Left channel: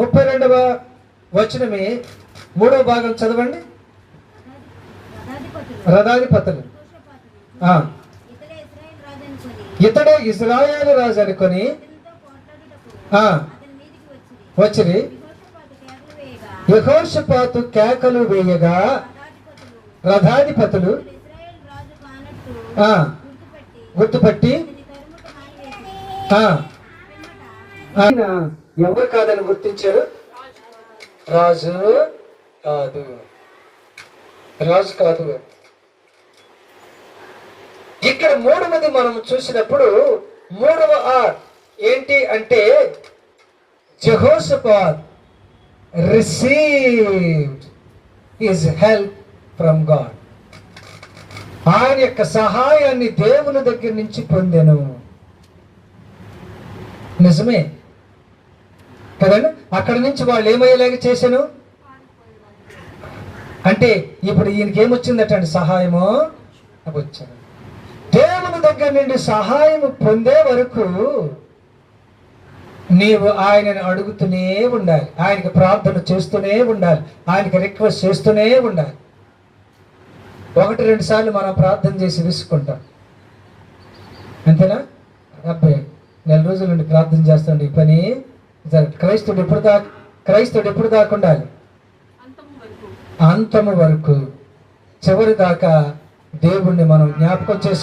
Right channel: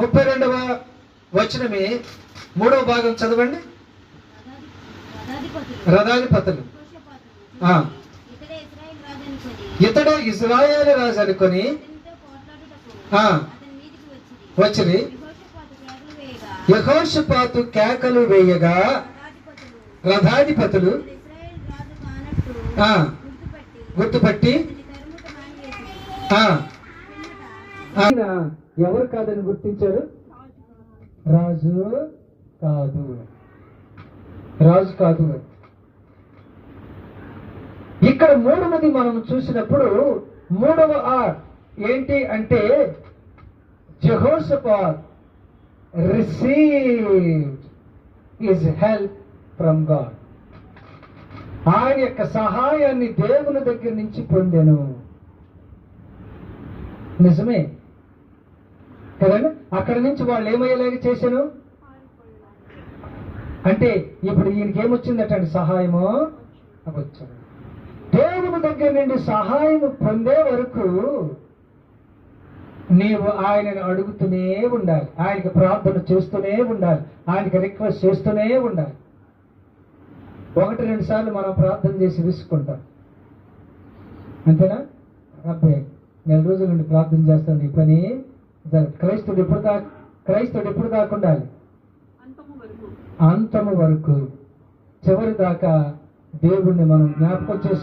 32వ వచనమే 3వ భాగం చదవండి. రథాధిపతులు ఇతడే ఇశ్రాయేలు రాజు అనుకొని వచ్చి యెహోషాపాతు కేకలు వేయగా రథాధిపతులు గుర్తుపట్టి ఆయన ఎవరు కాదని గుర్తించారు? రాజు కాదు. ఇక్కడ 3వది మనం చూసినప్పుడు 3వ ఆర్ ఏంటి అంటే Jehoshaphat received his help from God. ఆయన యొక్క సహాయాన్ని దేవుని దగ్గర నుంచి పొందెను. నిజమే కదండి. అక్కడి నుంచి వాళ్ళు ఏమయ్యేలాగా చేశాను అంటే ఇప్పుడు ఈయనకి ఏమొచ్చిందటండి? సహాయము వచ్చాడు. దేవుని దగ్గర నుండి సహాయం పొందే వరకు నీవు ఆయనను అడుగుతూనే ఉండాలి, ఆయనకి ప్రార్థన చేస్తూనే ఉండాలి, ఆయనకి రిక్వెస్ట్ చేస్తూనే ఉండాలి. 1-2 సార్లు మనం ప్రార్థన చేసి విసుకుంటాం, అంతేనా? అబ్బాయి 4 రోజుల నుండి ప్రార్థన చేస్తాండి, ఈ పని క్రైస్తవుడు ఎప్పుడు దాకా ఉండాలి? అంతము వరకు, చివరి దాకా దేవుణ్ణి మనం జ్ఞాపకం చేసుకోవాలి.